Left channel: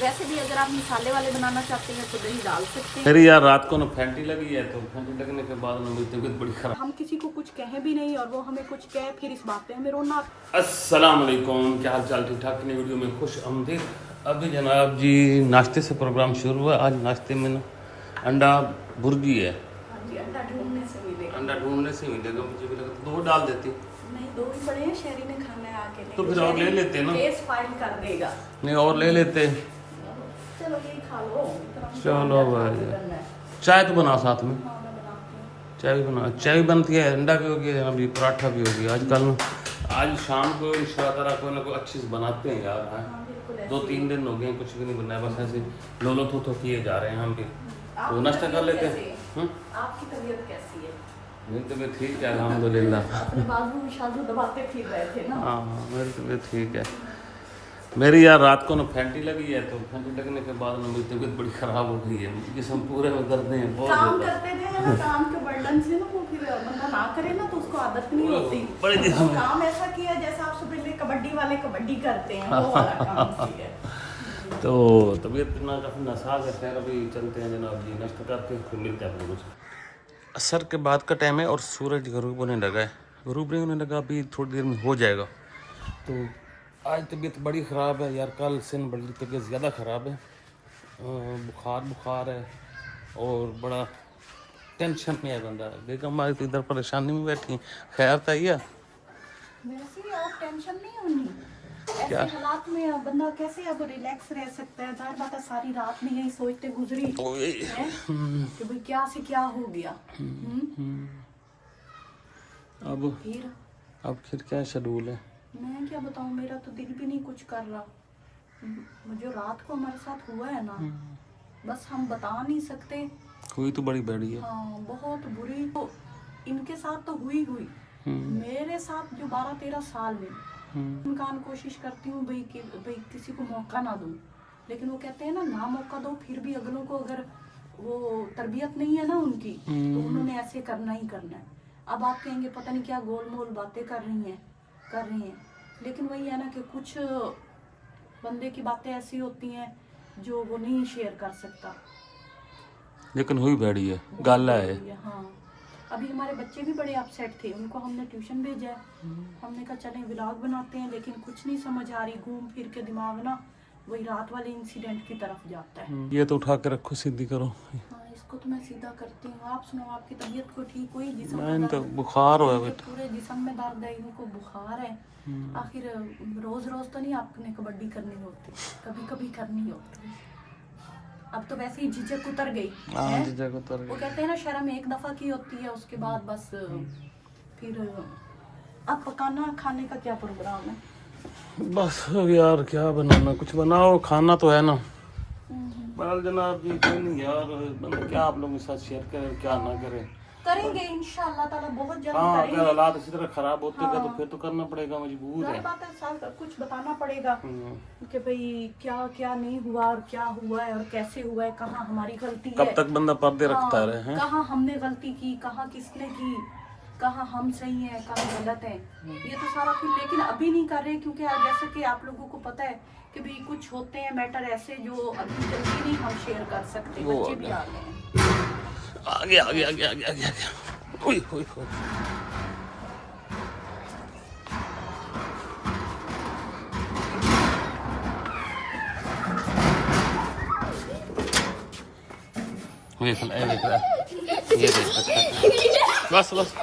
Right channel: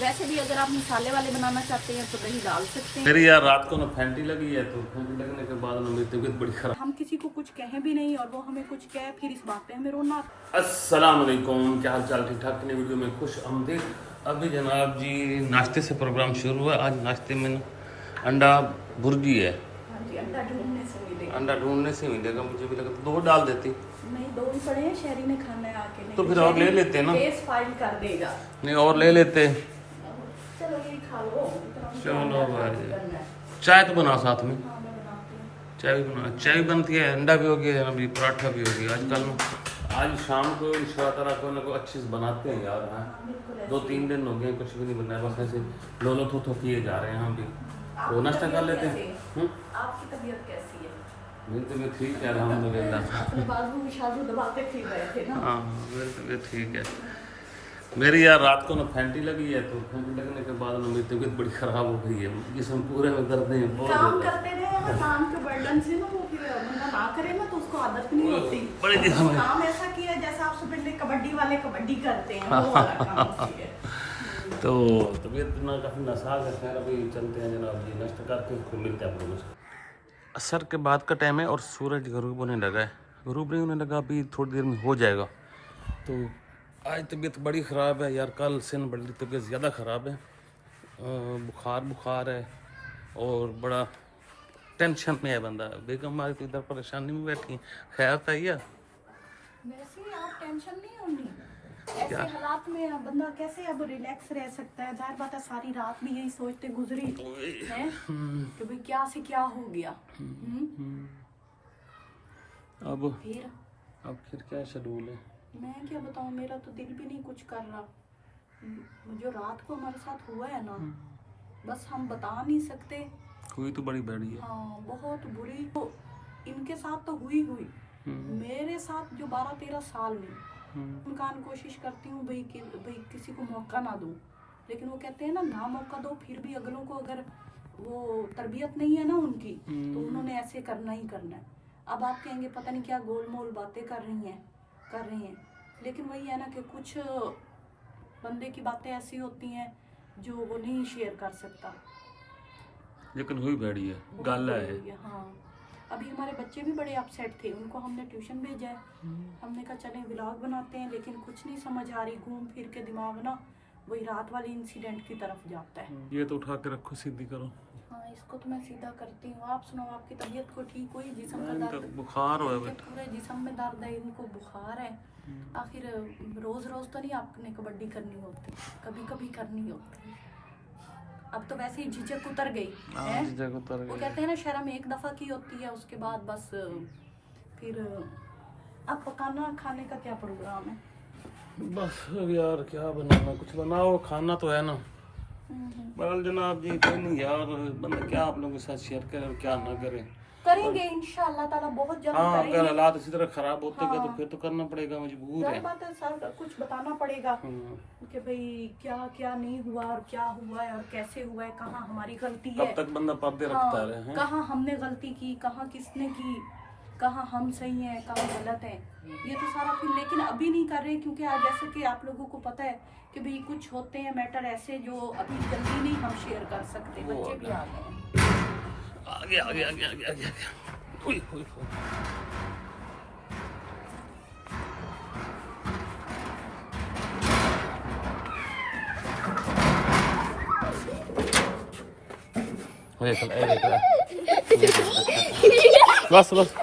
वैसे भी अगर आप मसाले वाले बनाना चाहते हैं तो दही डाल सकते हैं। मेरी यार रात को ना फैंटी लगी है, तो फैंटी लगने के बाद ना मेरी तबीयत बड़ी खराब। हम किसी को कुछ कहें भी नहीं और वो हमें कुछ कहे, फिर इस बात पे हमें रोना। अस्सलाम वालेकुम, क्या हाल चाल, ठीक ठाक? नई वीडियो में खुश आमदीद। अभी जनाब जी नाश्ते से प्रोग्राम शुरू हुआ। आज नाश्ते में ना अंडा भुर्जी है। हाँ जी, अंडा ढूंढने से मिलेगा। अंडा ढूंढने से मिलेगा, मुझे भी लगा तो 2 डाल देती। नहीं, 2 ही पड़े हैं, शहरी ने खाना है आके। तो फिर और ले लेते ना। केस फाइल कर देगा। नहीं और ले लेते। चलो ये खा लो। चलो भाई, चाय तो बना साथ में। हाँ, मैं बनाती हूँ। चाय भी बना, चाय भी बनती है, अंडा भी हो गया, अभी पराठा भी हो गया। आजकल आज शाम को इंशाअल्लाह कोई ना कोई अच्छी चीज़ बनाते हैं यार। हाँ, 2-3 दिन हो गए कुछ भी नहीं बनाया, बस ऐसे लोलो थो किए जा रहे हैं हम भी। तो नाश्ता कर लेते हैं। आपकी तबीयत कैसी है? मेरी तबीयत ठीक है अल्हम्दुलिल्लाह। अपने बाजू में शाजू दबाते फिर रहे थे ना। हाँ मेरी तबीयत ठीक है। मेरी यार रात को ना फैंटी लगी है, तो फैंटी लगने के बाद ना मेरी तबीयत बड़ी ख़राब हो गई है। जिसम पूरे में दर्द हैं बहुत काम ज़्यादा। करते रहे ना, काम के बर्डन से ना वो फिर बंदा ना करे ना तो उसको आदत नहीं होती। बड़े जिसम है। काम ऐसा किया जैसे आप सुबह ले कबड्डी वाले कबड्डी करते हैं, वो वाला काम किया। तो तबीयत ना काफ़ी नासाज है। खैर अभी चलते हैं जनाब जी, नाश्ता करके फिर मिलते हैं आप लोगों से। असर के बाद का टाइम है और सूरज गरूब होने लगा है। गरूब नहीं होने लगा, अभी थोड़ी देर में हो जाएगा। तो आज तबीयत बड़ी ख़राब है यार, कल से न बड़ी तबीयत ज़्यादा ख़राब है। बुखार है और बड़ा टेंशन में है बंदा। बेगम हमारी तो इधर परेशानी में बैठी, खैर था या वैसे ही आप टेंशन नहीं होनी। ऐसे हालात में अब बंदा कैसे अब रिलैक्स रह सकता है? जाहिर बात है सारी रात में यही सोचते गुजरी है कि भाई क्या से क्या हो गया। अब फिर क्या शेड्यूल है? मैं क्या बताऊं, मेरा तो दिल भी नहीं कुछ कर रहा। जो रात को हमारे साथ हुआ है ना, बस हम बता नहीं सकते। हुई तो बड़ी बड़ी है। हाँ, बहुत बुरी। तो इनके साथ तो हुई मेरे साथ जो 12-13 साल में इनकान कोशिश करती हूँ भाई कि भाई किसी को मौका ना दूं, लेकिन वो कहते हैं ना मौका दो फिर भी अगलों को अगर वो तरबियत नहीं है ना उनकी, तो उन्होंने ऐसे करना ही करना है। अब आप कहेंगे पता नहीं क्या गोलमोल बातें कर रही हैं, लेकिन वही है ना कि कुछ बंदे की बातें ऐसी होती हैं जो वो नहीं शेयर कर सकता। लेकिन हुई बड़ी है, गाला है। हाँ, अभी हमारे बच्चे भी बड़े अपसेट थे, उनको हमने ट्यूशन भेजा है। हमने कहा चलें व्लॉग बनाते हैं, लेकिन कुछ नहीं समझ आ रही। घूम फिर के दिमाग ना वही रात वाले इंसिडेंट की तरफ जाता है। ये तो उठा के रखो, सीधी करो। हाँ, इसको तो मैं सीधा करती हूँ। आप सुनो, आपकी तबीयत को ठीक हुई? जिस्म मैं में तो दर्द, बुखार हुआ है, पूरे जिस्म में दर्द है, इनको बुखार है। आखिर रोज रोज तो नहीं आपने कबड्डी करनी होती, कभी कभी करनी होती। अब तो वैसे ही झिझक उतर गई है। झिझक उतर गई। वो कहते हैं ना शर्म एक दफा की होती है, उसके बाद बस फिर। अब पकाना खाने का क्या प्रोग्राम है? बस यार क्या बनाना, कुछ बनाओ, खाना तो है ना। बहरहाल जनाब जी कोई नहीं यार, बंदा क्या आप लोगों के साथ शेयर करे क्या ना करे। करेंगे इंशाअल्लाह ताला, बहुत जल्द हाँ, करेंगे। अगर हालात इसी तरह खराब होते गए तो फिर तो करना पड़ेगा, मजबूर है। बात है, सब कुछ बताना पड़ेगा कि भाई क्या क्या नहीं हुआ और क्या हुआ है और कैसे हुआ है, कहाँ हमारी गलती है। कब तक बंदा पर्दे रखता रहे हैं? कहाँ हमने गलती की, कहाँ किसने की, कहाँ हम सही हैं, कहाँ गलत है, ये तो सारा फिर। लेकिन अभी नहीं कर रहे क्योंकि जैसा कि आप लोगों को पता है कि भाई कुछ होते हैं मैटर ऐसे जो अभी जल्दी नहीं हम शेयर कर सकते। बच्चे भी आ गए हैं। आगे आगे आगे आगे आगे आगे। ओए ओए ओए। ये देख बस बस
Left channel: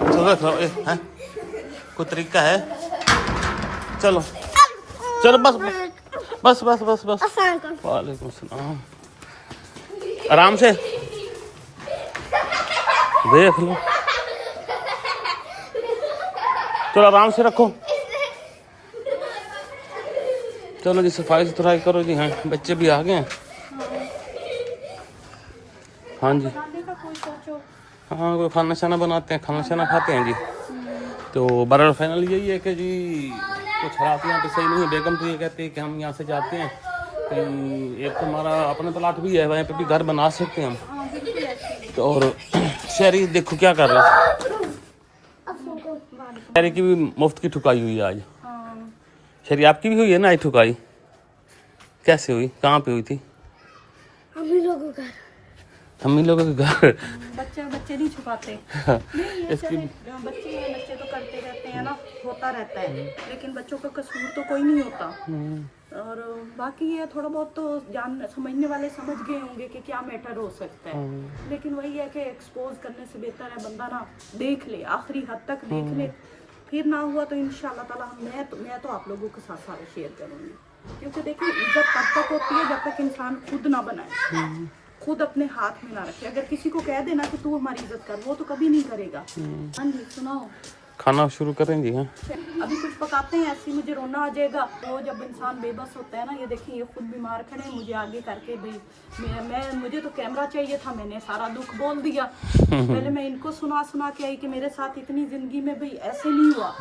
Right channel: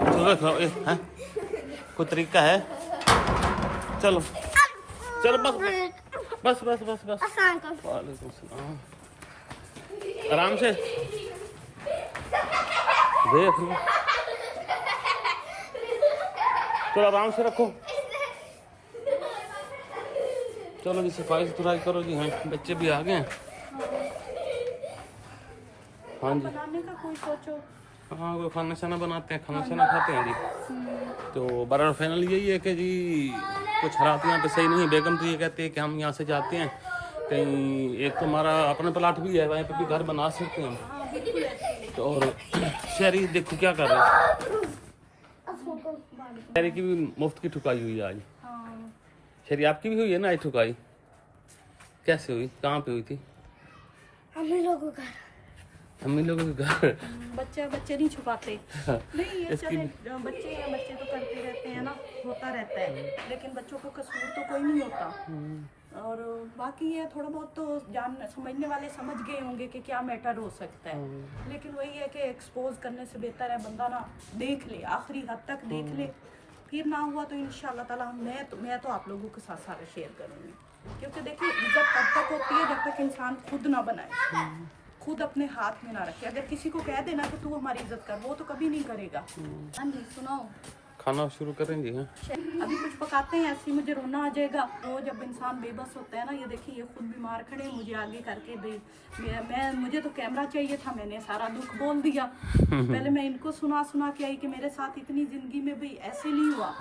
चलो रखो। हैं कोई तरीका है? चलो चलो बस बस बस बस बस। वालेकुम सलाम। आराम से देख लो, चलो आराम से रखो। चलो जी सफाई सुथराई करो जी। हाँ बच्चे भी आ गए हैं। हाँ जी, बनाने का कोई सोचो। हाँ कोई खाना शाना बनाते हैं, खाना शाना खाते हैं जी। तो बहरहाल फाइनल यही है कि जी कुछ हालात यहाँ पे सही नहीं है। बेगम तो ये कहते हैं कि हम यहाँ से जाते हैं कहीं, एक तो हमारा अपना प्लाट भी है, वहीं पे भी घर बना सकते हैं हम। तो और शहरी देखो क्या कर रहे हैं, शहरी की भी मुफ्त की ठुकाई हुई है आज। शहरी आपकी भी हुई है ना आज ठुकाई? कैसे हुई, कहाँ पे हुई थी? अम्मी लोगों का अम्मी लोगों के घर। बच्चे नहीं छुपाते। नहीं ये चले बच्चे तो करते रहते हैं ना, होता रहता है, लेकिन बच्चों का कसूर तो कोई नहीं होता। और बाकी ये थोड़ा बहुत तो समझने वाले समझ गए होंगे कि क्या मैटर हो सकता है, लेकिन वही है कि एक्सपोज करने से बेहतर है बंदा ना देख ले, आखिरी हद तक देख ले, फिर ना हुआ तो इंशाल्लाह ताला मैं तो आप लोगों के साथ सारा शेयर करूँगी। क्योंकि देखिए इज्जत तब तक होती है जब तक इंसान खुद ना बनाए, खुद अपने हाथ में ना रखे। अगर किसी को कह देना कि तू हमारी इज्जत कर, वो तो कभी नहीं करेगा। हाँ जी सुनाओ, खाना शुरू करेंगे? हाँ अभी कुछ पकाते हैं, ऐसे मुझे रोना आ जाएगा। वो जब इंसान बेबस होता है ना, ये देखिए ये खुद बीमार खड़े हैं, मुझे आगे करके भाई मुझे तो कैमरा चाहिए था, मैंने सारा दुख बोल दिया। पहले मैं इनको सुना के आई कि मेरे साथ इतनी जिंदगी में भाई ऐसे नहीं हुआ।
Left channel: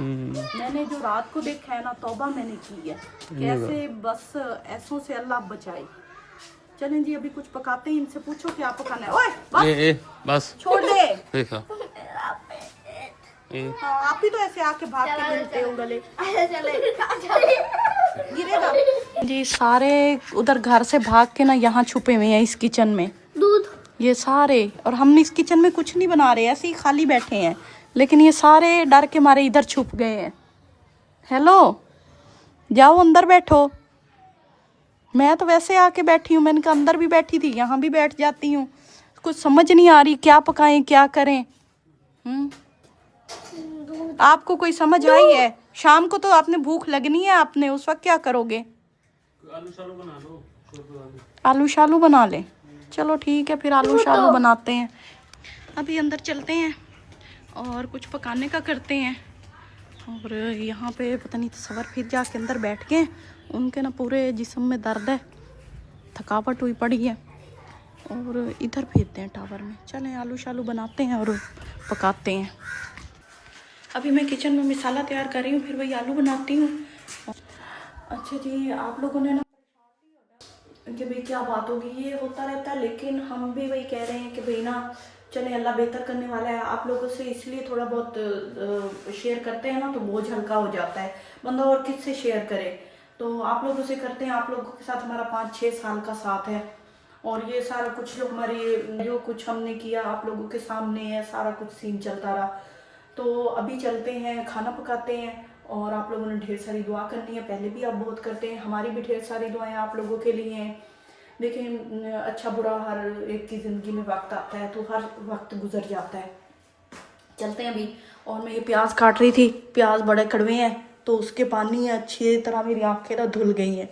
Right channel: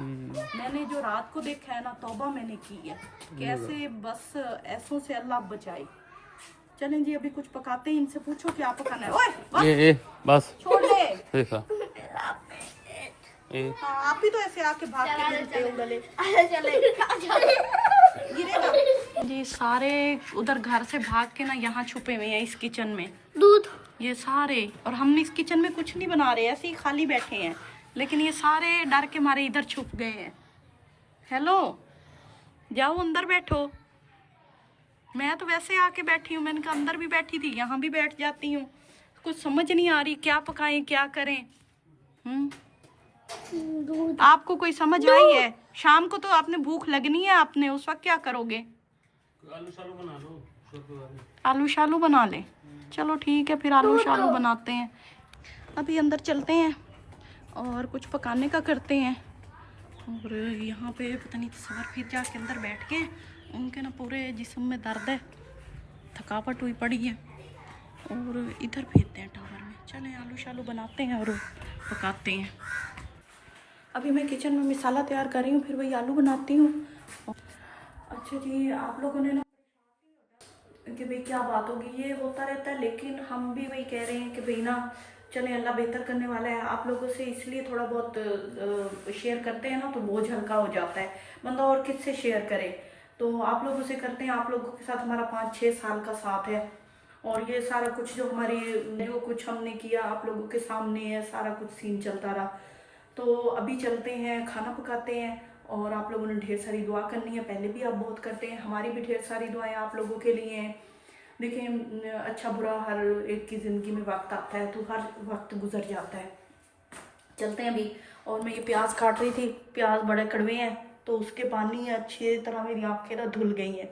मैंने जो रात को देखा है ना, तौबा मैंने की है, कैसे बस ऐसों से अल्लाह बचाए। चलें जी अभी कुछ पकाते हैं, इनसे पूछो क्या पकाना है। ओए बस छोड़ दे, देखा हाँ, आप ही तो ऐसे आके भाग के गिरते हो गले। जी सारे उधर घर से भाग के ना यहाँ छुपे हुए हैं इस किचन में, दूध ये सारे। और हम इस किचन में कुछ नहीं बना रहे, ऐसे ही खाली बैठे हैं, लेकिन ये सारे डर के मारे इधर छुप गए हैं। हेलो, जाओ अंदर बैठो। मैं तो वैसे आके बैठी हूँ, मैंने कहा अंदर भी बैठी थी, यहाँ भी बैठ जाती हूँ। कुछ समझ नहीं आ रही क्या पकाएं क्या करें। आपको कोई समझ आई है? शाम को तो आपने भूख लगनी है, आपने उस वक्त क्या करोगे? आलू शालू बना ले। चलो ठीक है फिर आलू शालू बनाते हैं। अभी अंदर चलते हैं और कुछ पकाने का करते हैं। और यहाँ पे पता नहीं तस्वर फिर जाके अंदर बैठ के, उनके ना पूरे जिस्म में दर्द है, थकावट हुई पड़ी है। और इधर भेजते हैं टावर में। चलें आलू शालू बनाते हैं और पकाते हैं। अभी मैं किचन में मसाला तैयार कर रही हूँ, फिर वही आलू बनाती हूँ। अच्छा जी, आप लोगों ने ना कि भाई क्या बात होगी, ये होता रहता है, लेकिन हम भी वही कह रहे हैं कि भाई ना चले अल्लाह बेहतर करने वाला है। आप लोगों से इसलिए थोड़ा बहुत शेयर करते हैं ना, तो बोझ हल्का हो जाता है, बंदा और किससे शेयर करे। तो आप लोगों से करते हैं, आप लोगों के साथ हमारा 5-6 साल का साथ है, और ये सारा कुछ जो कुछ हमने किया आप लोगों के सामने है, सारा कुछ सीन चलता रहा। तो अभी चलते हैं, खाना पकाते हैं, और आप लोगों ने ढेर सारी दुआ करनी है, पहले भी आप बहुत करते हैं, हमारी भी ढेर सारी दुआएं आप लोगों के लिए हैं। देखिए अच्छा बुरा हर एक की ज़िंदगी में वक्त आता है, तो हर वक्त गुजर जाता है। चलते हैं अभी। और मैं ये प्याज काट रही थी, प्याज बड़े कड़वे हैं, तो उसके पानी अच्छी तरह मेरी आँखें ना धुल गई हैं।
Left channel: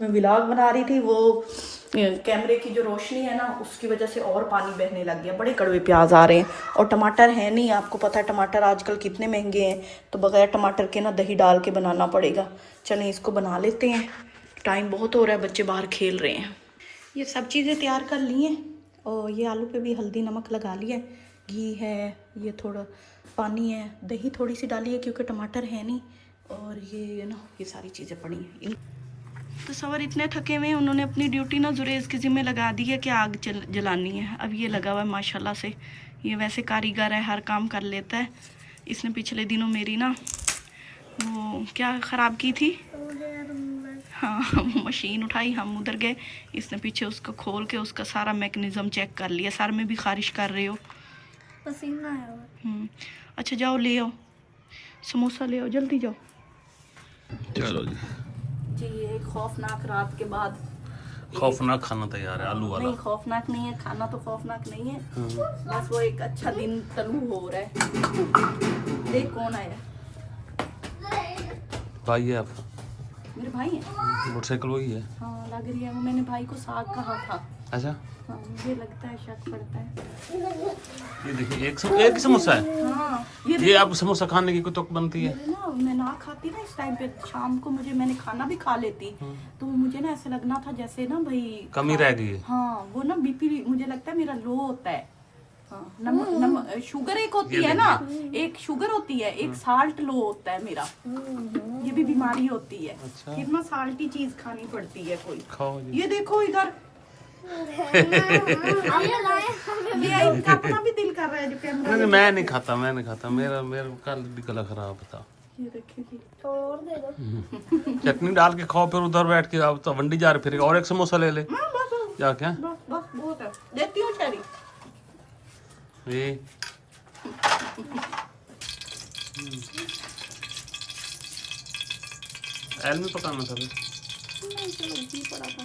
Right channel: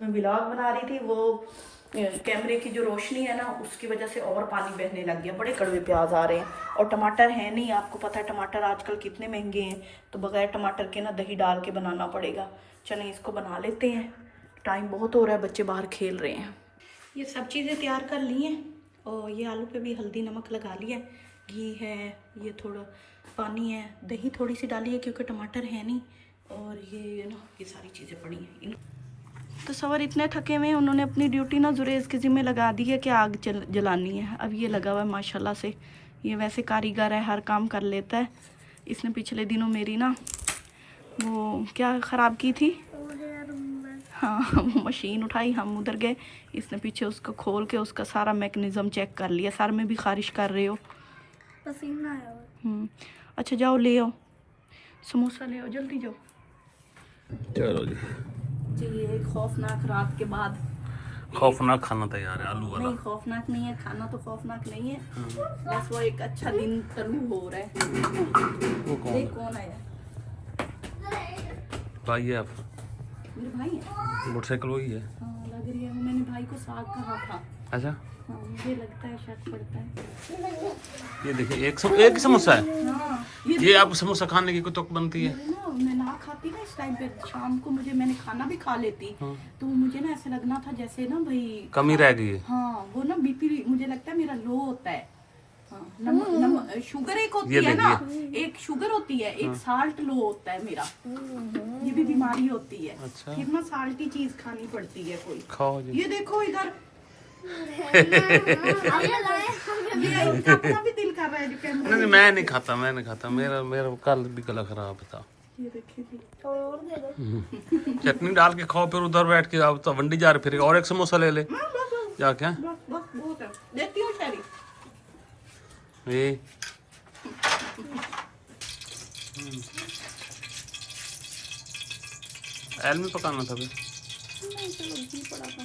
मैं व्लॉग बना रही थी, वो कैमरे की जो रोशनी है ना, उसकी वजह से और पानी बहने लग गया। बड़े कड़वे प्याज आ रहे हैं, और टमाटर है नहीं, आपको पता है टमाटर आजकल कितने महंगे हैं, तो बगैर टमाटर के ना दही डाल के बनाना पड़ेगा। चलें इसको बना लेते हैं, टाइम बहुत हो रहा है, बच्चे बाहर खेल रहे हैं। ये सब चीज़ें तैयार कर ली हैं, और ये आलू पे भी हल्दी नमक लगा लिया, घी है, ये थोड़ा पानी है, दही थोड़ी सी डाली है क्योंकि टमाटर है नहीं, और ये ना ये सारी चीज़ें पड़ी हैं। तो सवर इतने थके हुए हैं, उन्होंने अपनी ड्यूटी ना जुरेज के ज़िम्मे लगा दी है कि आग जलानी है। अब ये लगा हुआ है माशाल्लाह से, ये वैसे कारीगर है, हर काम कर लेता है। इसने पिछले दिनों मेरी ना वो क्या ख़राब की थी, हाँ मशीन उठाई, हम उधर गए, इसने पीछे उसको खोल के उसका सारा मैकेनिज़्म चेक कर लिया। सर में भी खारिश कर रहे हो, पसीना है। अच्छा जाओ ले आओ समोसा, ले आओ जल्दी जाओ। चलो जी, एक खौफनाक रात के बाद खौफनाक खाना तैयार है, आलू वाला। नहीं खौफनाक नहीं है खाना, तो खौफनाक नहीं है, बस वो एक अच्छा दिन तलू हो रहा है। देख कौन आया, भाई है आपका? मेरे भाई है, मोटरसाइकिल वही है। हाँ लग रही है, वो मैंने भाई को साग कहा था। अच्छा, हाँ मुझे लगता है, शक पड़ता है। ये देखिए एक ही समोसा है। हाँ ये आप समोसा खाने की कुछ बनती है ना, मैं ना खाती ना इस टाइम पे, शाम को मैंने खाना भी खा लेती, तो मुझे ना ऐसा लगना था जैसे ना भाई कमी रह गई है। हाँ वो ना बीपी मुझे लगता है मेरा लो होता है। हाँ शुगर एक होती है ना, एक शुगर होती है, एक साल्ट लो होता है मेरा, ये भी बीमारी होती है। अच्छा। फिर ना साल्टी चीज खानी पड़ती है कोई। खाओ जी। ये देखो इधर ये अपना भी दिल कर रहा है जो कैमरा। नहीं मैं नहीं खाता, मेरा कल भी गला खराब था। ये देखिए जी। तो और दे दो। चटनी डाल के खाओ, फिर उधर बैठ के आप तो वंडी जा रहे फिर और एक समोसा ले ले हाँ, बस जा क्या बस बस बहुत है। देती हूँ शहरी। ये एल में पकाना था फिर। नहीं चलो घी पड़ा था।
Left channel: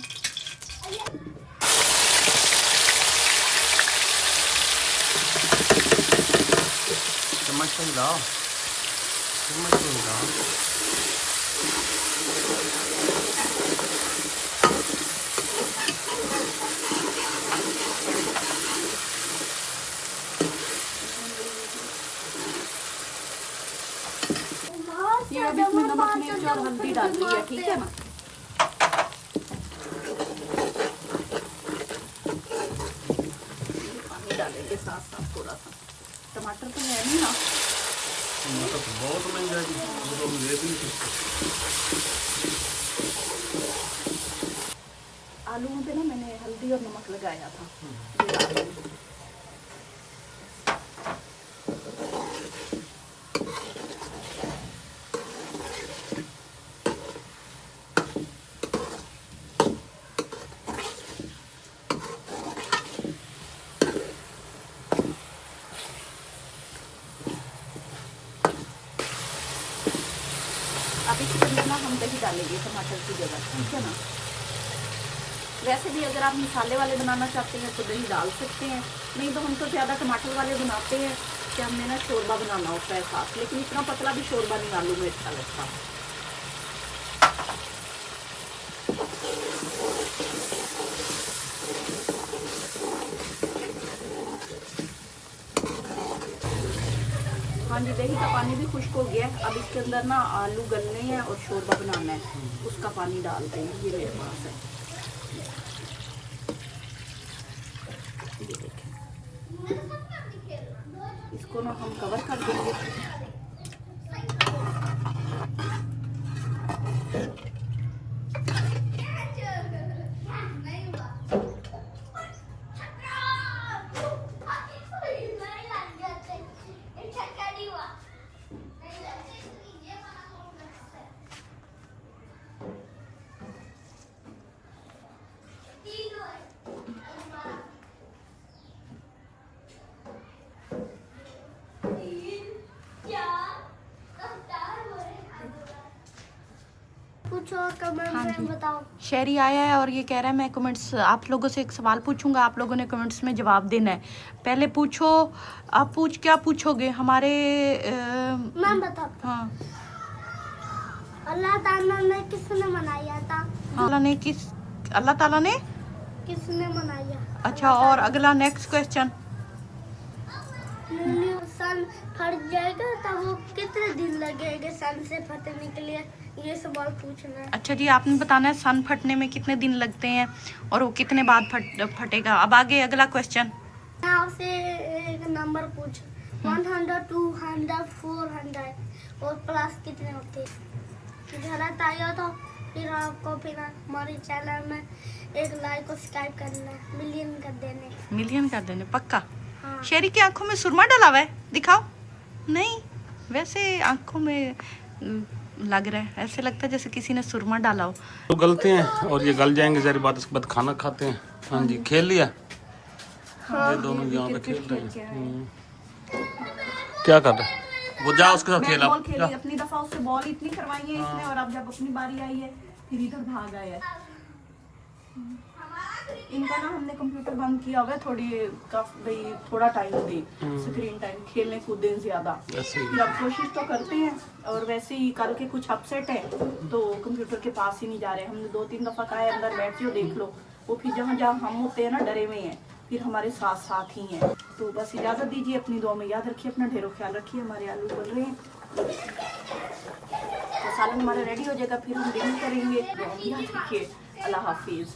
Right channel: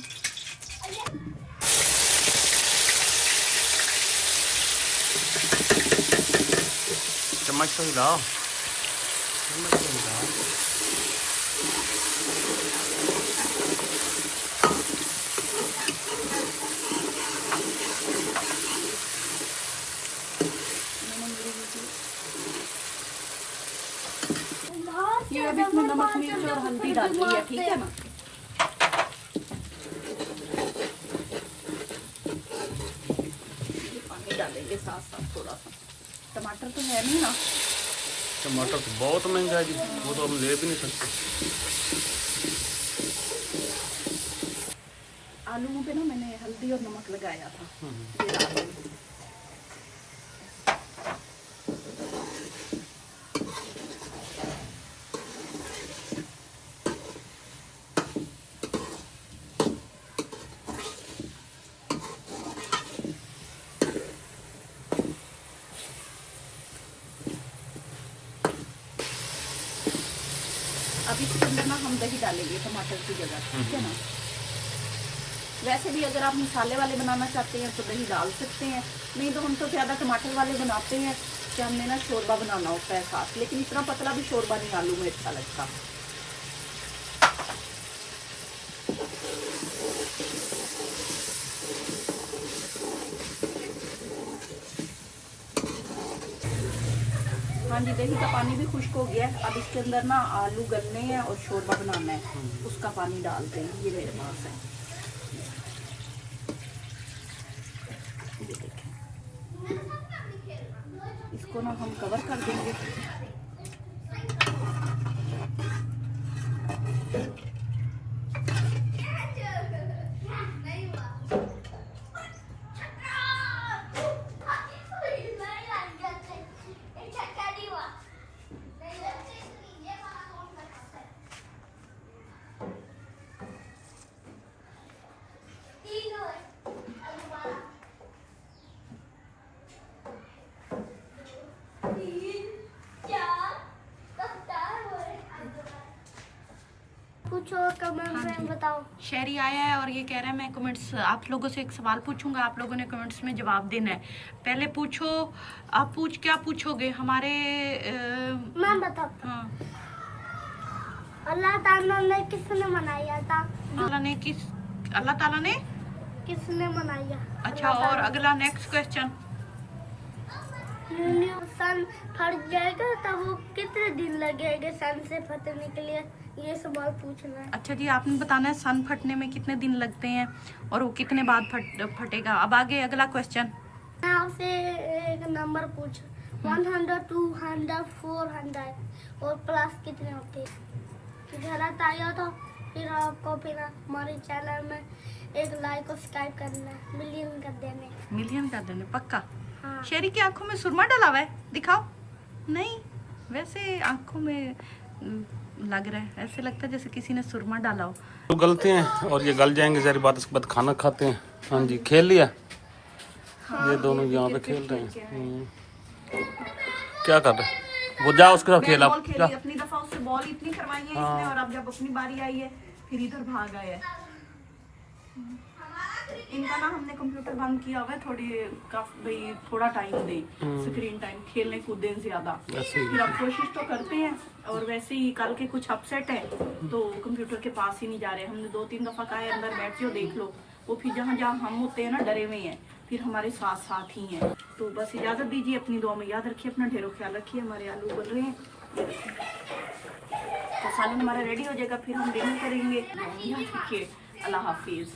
चम्मच तो हिलाओ, चम्मच तो हिलाओ। ये अभी इसमें नमक मिर्च और हल्दी डाली है, ठीक है ना। ये पानी डालेंगे साथ साथ थोड़ा सा। टमाटर तो है नहीं ना। टमाटर तो बहुत महंगा है जी, वो तो हम ले भी नहीं सकते। आलू पे ना मैंने हल्दी और नमक लगाया था। ये डाल देंगे। अब इसके अंदर ना हम दही डालेंगे टमाटर की जगह, ठीक है ना। वैसे भी अगर आप मसाले वाले बनाना चाहते हैं तो दही डाल सकते हैं, नहीं तो हम तो ज़्यादा टमाटर वाले बनाते हैं कि हमने ना शोरबा बनाना होता है साथ, लेकिन इतना पतला भी शोरबा नहीं आलू में अच्छा लगता। हाँ जी, दही का पानी भी खुश्क हो गया है। अब इसके अंदर ना आलू गलने हैं और शोरबा बनाना है, उसका पानी डालते हैं। ये मेरे पास है, ये देखें। इसको ना हम कवर कर देंगे। पूछो कमेंट में बताओ। शहरी आया है और ये कह रहा है मैं कमेंट्स, आप लोगों से एक सवाल पूछूंगा, आप लोगों ने कमेंट्स में जवाब देना है। पहले पूछो, आप क्या पूछोगे हमारे मैं बताता। हाँ, अल्लाह ताला ने किसने बनाया था? अल्लाह ताला ने किसने बनाया? अच्छा, और अगला नेक्स्ट क्वेश्चन। सन फट जाएगा तब वो कितने दिन लगेंगे सन से फटने के लिए, ये सवाल पूछना है। अच्छा जी, आपने बताना है सन फटने में कितने दिन लगते हैं और वो कितने बाद फटेगा। अब आगे अगला क्वेश्चन। मैं आपसे एक नंबर पूछ, 100, 200, 400 और प्लस कितने होते हैं? गलत आया तो फिर आपको फिर हमारे चैनल में एक लाइक और सब्सक्राइब करना, मिलियन कर देने पक्का। हाँ। शेरी की आंखों में सुरमा डाला हुआ है, दिखाओ। नहीं, वैसे आंखों में लग रहा है, ऐसे लगता है जैसे किसी ने सुरमा डाला हो। तो गलते हैं और ये गल जाएंगे जरा बाद, उसके बाद खाना खाते हैं। हाँ जी, खेल लिया। हाँ, ये दोनों यहाँ पे खेल रहे हैं। क्या कर रहे हैं वो? जा उसके साथ खेला। अपनी दफा उससे बॉल इतनी करवाई है इसने, और अब जब अपनी बारी आई है फिर इधर भाग आया है। इनका ना हमने कंप्यूटर बंद किया हुआ है, भाई थोड़ा टाइम दे, स्क्रीन टाइम, खेलने कूदने ज्यादा। फिर अब कोशिश तो करते हैं, और वैसे ही कल के कुछ अपसेट है तो कंप्यूटर के पास ही नहीं जा रहे। हमने 2-3 दफा कहा है अंदर बैठ जाओ देख लो, वो फिर जहाँ जहाँ हम होते हैं ना डरे हुए हैं, फिर हमारे साथ साथ ही हैं। तो बस इजाजत दीजिए, अपनी दुआ में याद रखिए, अपना ढेरों ख्याल रखिए। हमारे आलू बन रहे हैं, तो सालन हमारा रेडी हो जाएगा, फिर हम डिनर करेंगे। याद रखिए, अल्लाह हाफिज।